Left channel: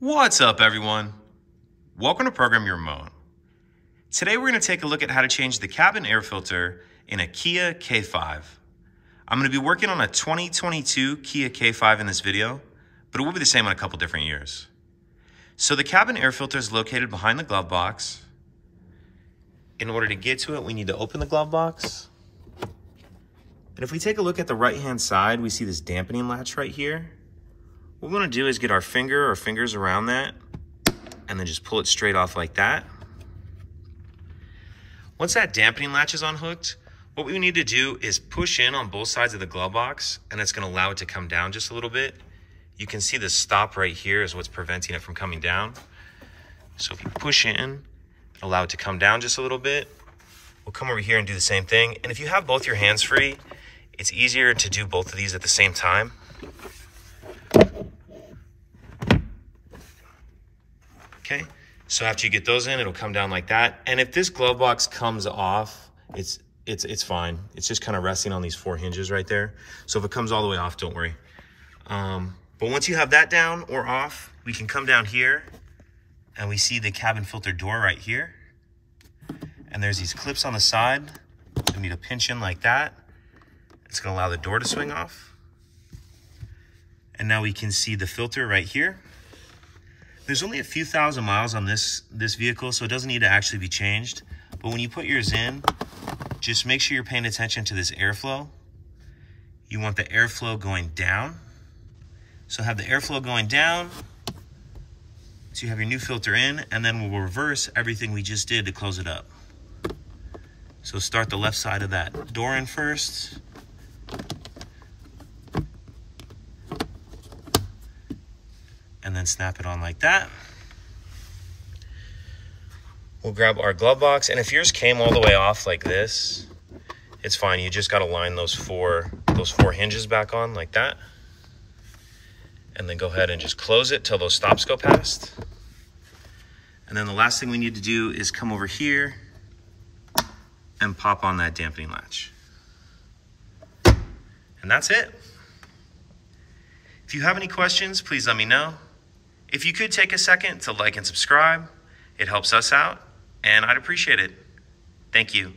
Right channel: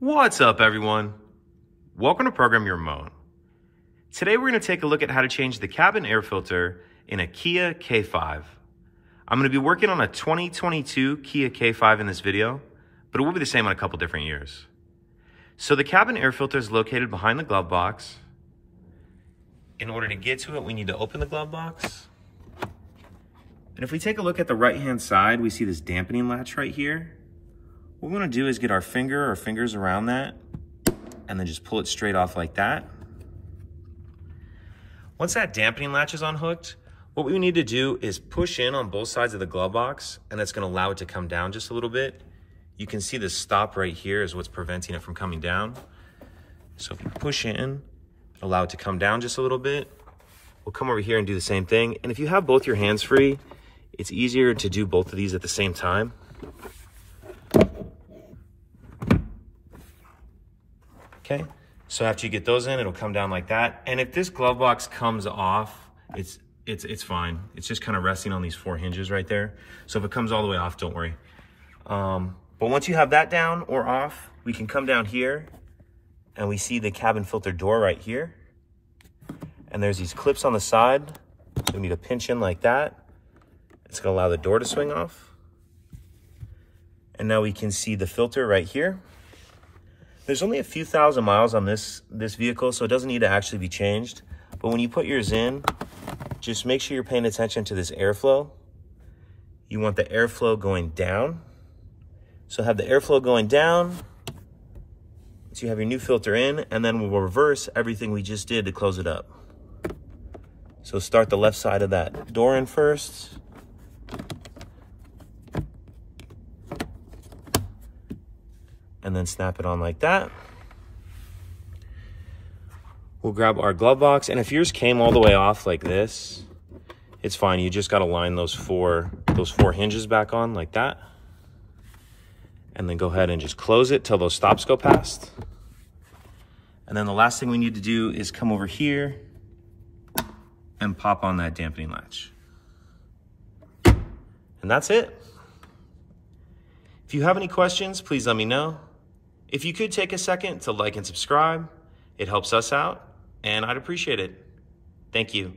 What's up, everyone? Welcome to Program Your Moan. Today we're going to take a look at how to change the cabin air filter in a Kia K5. I'm going to be working on a 2022 Kia K5 in this video, but it will be the same on a couple different years. So the cabin air filter is located behind the glove box. In order to get to it, we need to open the glove box. And if we take a look at the right-hand side, we see this dampening latch right here. What we want to do is get our fingers around that and then just pull it straight off like that. Once that dampening latch is unhooked, what we need to do is push in on both sides of the glove box, and that's going to allow it to come down just a little bit. You can see the stop right here is what's preventing it from coming down. So if you push in, allow it to come down just a little bit, we'll come over here and do the same thing. And if you have both your hands free, it's easier to do both of these at the same time. Okay, so after you get those in, it'll come down like that. And if this glove box comes off, it's fine. It's just kind of resting on these 4 hinges right there. So if it comes all the way off, don't worry. But once you have that down or off, we can come down here and we see the cabin filter door right here. And there's these clips on the side. We need to pinch in like that. It's gonna allow the door to swing off. And now we can see the filter right here. There's only a few thousand miles on this vehicle, so it doesn't need to actually be changed. But when you put yours in, just make sure you're paying attention to this airflow. You want the airflow going down. So have the airflow going down. So you have your new filter in, and then we'll reverse everything we just did to close it up. So start the left side of that door in first. And then snap it on like that. We'll grab our glove box, and if yours came all the way off like this, it's fine. You just gotta line those four hinges back on like that. And then go ahead and just close it till those stops go past. And then the last thing we need to do is come over here and pop on that dampening latch. And that's it. If you have any questions, please let me know. If you could take a second to like and subscribe, it helps us out, and I'd appreciate it. Thank you.